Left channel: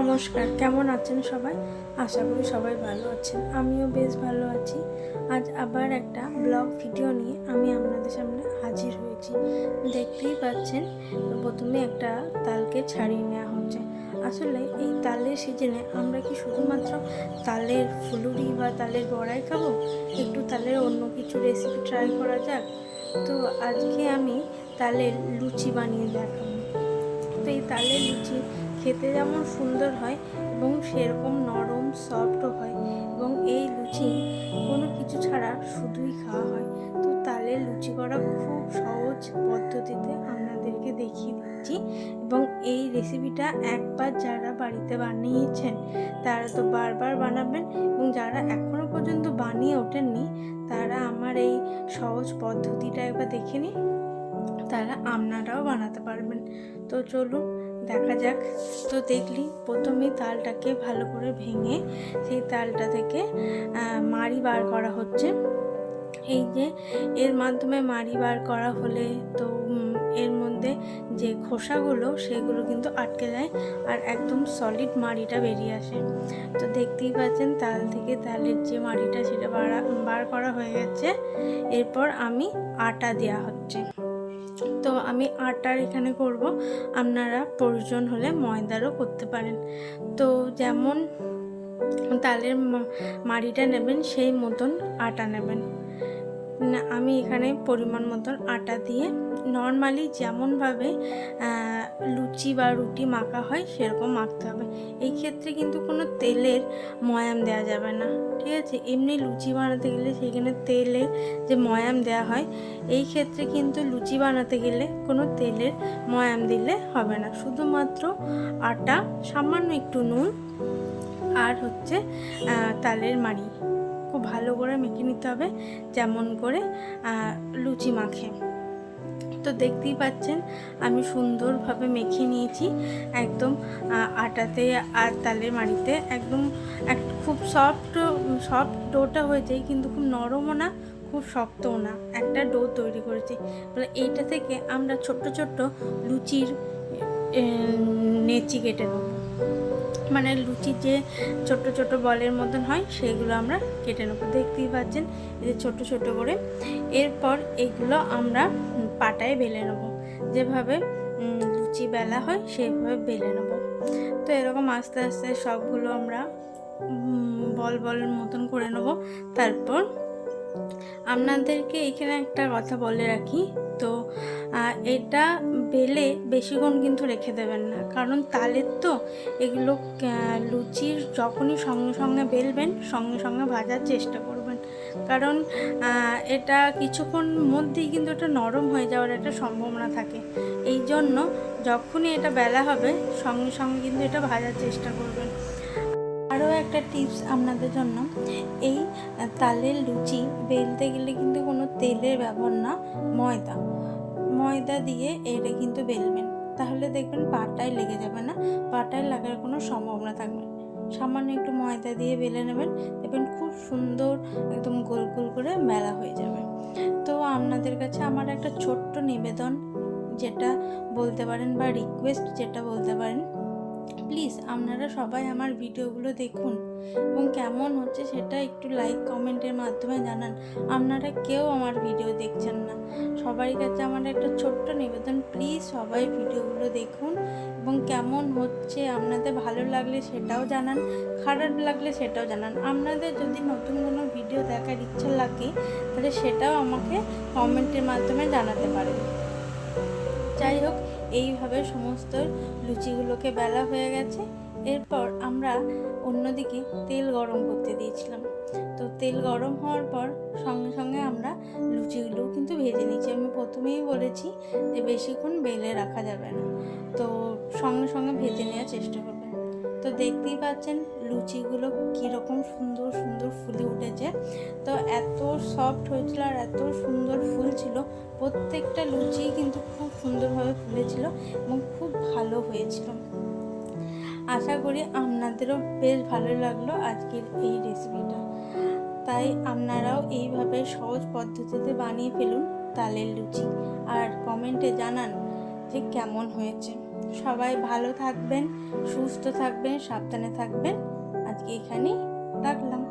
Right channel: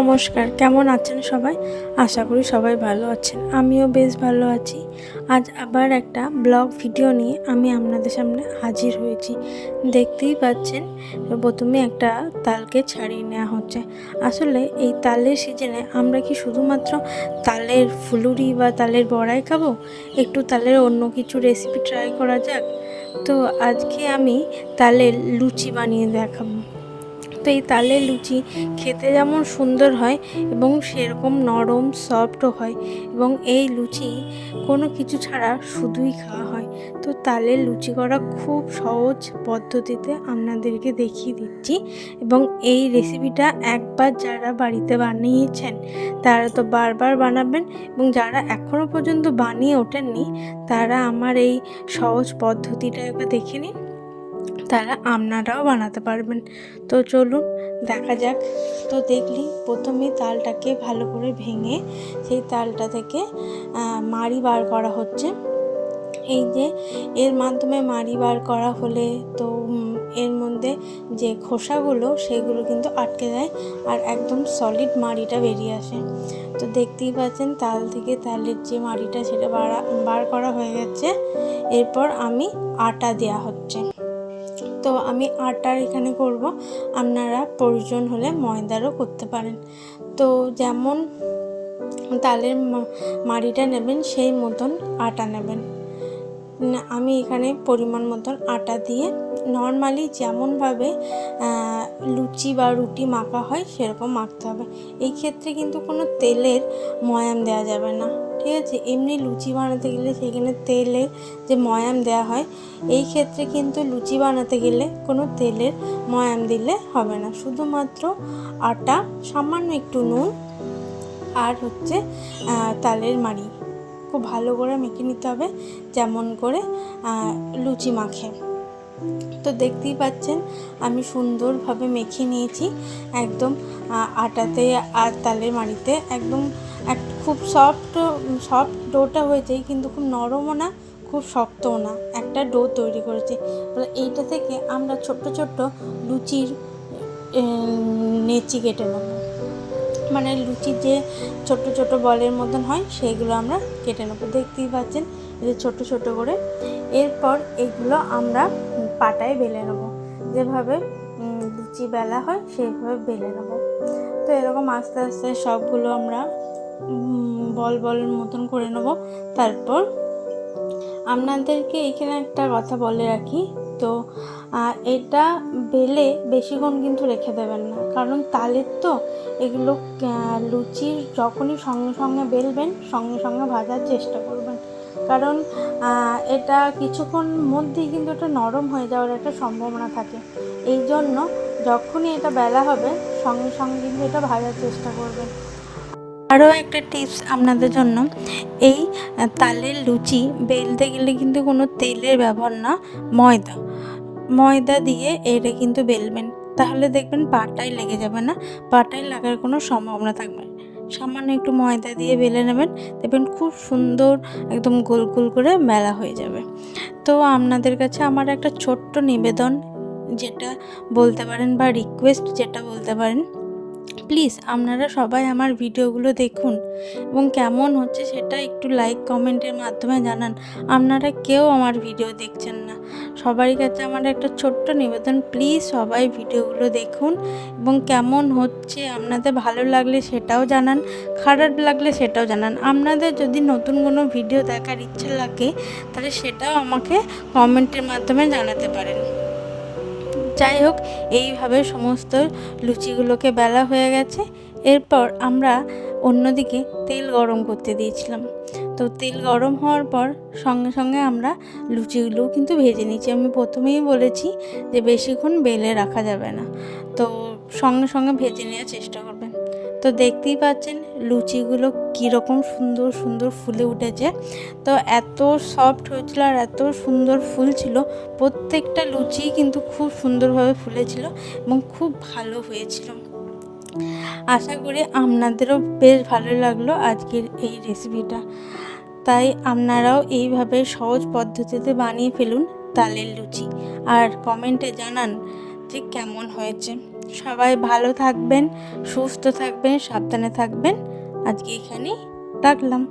নমস্কার, কেমন আছেন সবাই? আশা করি সবাই ভালো আছেন। আমিও বেশ ভালো আছি। আজ আবার একটা ব্লগ ভিডিও নিয়ে আমি আপনাদের সামনে হাজির হয়েছি। দেখতেই পাচ্ছেন, প্রথমে একটা তালকে ছাড়িয়ে নেওয়া হচ্ছে। আসলে এই তালের সিজনে আমরা কি শুধুমাত্র তালের ফুলুরি বা তালের বড়াই খাব? একটু তালের অন্য কিছু রেসিপি ট্রাই করা যাক। তো আজকে আমি তালের লুচি বানিয়ে দেখাবো। তো এই তালের লুচি খেতে যেমন সুন্দর হয় এবং সেরকম নরম সফটও হয় এবং এই লুচি কোনো কিছু ছাড়া শুধুই খাওয়া হয়। তো তালের লুচি করা খুব সহজ পদ্ধতিতে আপনাদেরকে দেখিয়ে দিচ্ছি এবং এই রেসিপিটা একবার যারা বাড়িতে বানিয়েছেন, তারা তো বারবার বানাবেন এবং যারা এখনও পর্যন্ত বানিয়ে ওঠেননি, তারা আমার এই সহজ পদ্ধতিটা একবার দেখে নিন। তারা আপনারাও বানাতে পারবেন। তো চলুন, দেখা যাক। তো দেখলি, প্রথমে তালটাকে ভালো করে ভেঙে সেই তালটা থেকে মাড়ি বার করা হচ্ছে। এই যে, এর মাধ্যমে মাড়ি বার করা হলে তো এর মধ্যে যে খোসাগুলো, সেগুলো কিন্তু আটকে যায় আর একদম সলিড মাড়িটা বেরিয়ে আসে। তো দেখতেই পাচ্ছেন, তাল থেকে তালের যে মাড়িটা, সেটা বাড়া, বার করা হয়ে গেছে। এরপর আমি আটা দেওয়া হচ্ছে। তো আমি আটার এখানে করব। আপনারা প্রয়োজন হলে ময়দারও করতে পারেন। তো যেমন তালের মাড়িটা নেবেন, সেই মতন আটা নেবেন। আমি এখানে পরিমাণ মতন আটা দিয়ে নর্মালি যেমনভাবে লুচি বা রুটি মাখা হয়, সেরকম মাখতে হবে। এই ক্ষেত্রে কিন্তু কোনো তেলের ময়াম দেওয়া যাবে না। ঠিক আছে এমনি লুচি বানাতে গেলে সেখানে তেলের যে ময়াম দেওয়া হয়, এই ক্ষেত্রে কিন্তু লুচি বানাতে গেলে কোনো তেলের ময়াম দিলে হবে না। শুধুমাত্র আটা, সামান্য একটু নুন আর হচ্ছে তালের মাড়ি। খুব ভালো করে মেখে নিতে হবে, যেমন করে লুচি মাখে। তো দেখতেই পাচ্ছেন, আমি সুন্দরভাবে মেখে নিয়েছি, একদম আটাতে আর তালের মাড়িতে একদম এক খুব সফট সফট ডোটা হয়েছে, কিন্তু খুব নরমও না, খুব শক্তও না। একটা ডো তৈরি করেছি। এইটা থেকে আমরা ছোট্ট ছোট্ট লুচির নেচি কেটে নেব। মানে লুচির যে ছোট ছোট বলের মতন হয়, সেগুলো আমরা কেটে নেব। দেখতেই পাচ্ছেন, এই যে ছোট ছোট করে। এরপর এগুলো আমরা পাটায় বেলে নেব। যেভাবে লুচি বেলা হয় সেইভাবে বেলে নেব। তো এরকম আস্তে আস্তে সবগুলো আমরা বল বল মতন করে নেব। তারপর আপনাদেরকে এখানে একটা কথা বলে রাখি। তো এটা বেলে বেশিক্ষণ কিন্তু রেখে দেবেন না। কারণ তালের তো এগুলো লুচির যখনই সঙ্গে সঙ্গে বেলবেন, সঙ্গে সঙ্গে ভাজার চেষ্টা করবেন। কারণ এটা কিছুক্ষণ মধ্যেই কিন্তু এটা নরম হয়ে যাওয়ার একটা সম্ভাবনা থাকে। এই জন্য যখনই এটা বেলা হবে, সঙ্গে সঙ্গে কিন্তু এটা ভাজার চেষ্টা করবেন। আরও একটা টিপস আপনাদের জন্য। এই তালের লুচি বেলতে গেলে কিন্তু কোনো তেলের ব্যবহার না, ময়দা। ময়দা দিয়ে এটা কিন্তু বেলবেন। তাহলে দেখবেন পাটায় লেগে যাবে না, পাটায় লাগার কোনো সম্ভাবনা থাকবে না। সামান্য একটু ময়দা দিয়ে বেলে নেবেন, দেখবেন খুব সুন্দর একদম গোল গোল করে মেলা হয়ে যাবে। তো আপনাদের কাছে আমার একটা ছোট্ট নিবেদন, যেটা বলতে পারেন বা রিকোয়েস্ট যেটা বলতে পারেন। প্লিজ আপনারা সবাই আমার ভিডিওগুলো দেখুন এবং কেমন হচ্ছে সেটা একটু লাইক কমেন্টের মাধ্যমে জানান। আপনারা কেউ আমার ভিডিও দেখছেন না। সবারই কাছে আমার একটা ছোট্ট নিবেদন প্লিজ সবাই ভিডিওগুলো দেখুন এবং কেমন হচ্ছে, আপনাদের ভালো লাগলে সেটাও জানান, খারাপ লাগলে সেটাও জানান। আপনাদের যদি নতুন কোনো ভিডিও দেখার ইচ্ছা লাগে, তাহলে সেটাও আমাকে কমেন্টের মাধ্যমে জানাতে পারেন। যাই হোক, এইভাবে সমস্ত লুচিগুলোকে বেলা হয়ে গেছে। এরপর আমরা অন্যদিকে তেল গরম করতে দিয়েছিলাম। তো তেল গরম হওয়ার পর সঙ্গে সঙ্গে আমরা লুচিগুলো কিন্তু ভেজে নিয়েছি। আমি প্রথমেই বলেছি যে বেশিক্ষণ বেলে রাখা যাবে না। তো সঙ্গে সঙ্গে ভেজে নেওয়ার চেষ্টা করবেন তো দেখতেই পাচ্ছেন লুচিগুলো কীরকম সুন্দর সুন্দর ফুলে উঠেছে। তো এত সফট হয়েছিল আর এত সুন্দর ফুল ছিল, প্রত্যেকটা লুচি কিন্তু খুব সুন্দরভাবে ফুলেছিল এবং খুব ভালো হয়েছিল। আশা করি আপনাদেরও বেশ ভালো লাগল আজকের এই রেসিপিটা তাই আপনারাও এইভাবে সহজ পদ্ধতিতে বানিয়ে ফেলুন তালের লুচি। আর কমেন্টে জানান ঠিক কেমন হয়েছে? সবাই ভালো থাকবেন সুস্থ থাকবেন সাবধানে থাকবেন। আজকে এখানেই রাখলাম।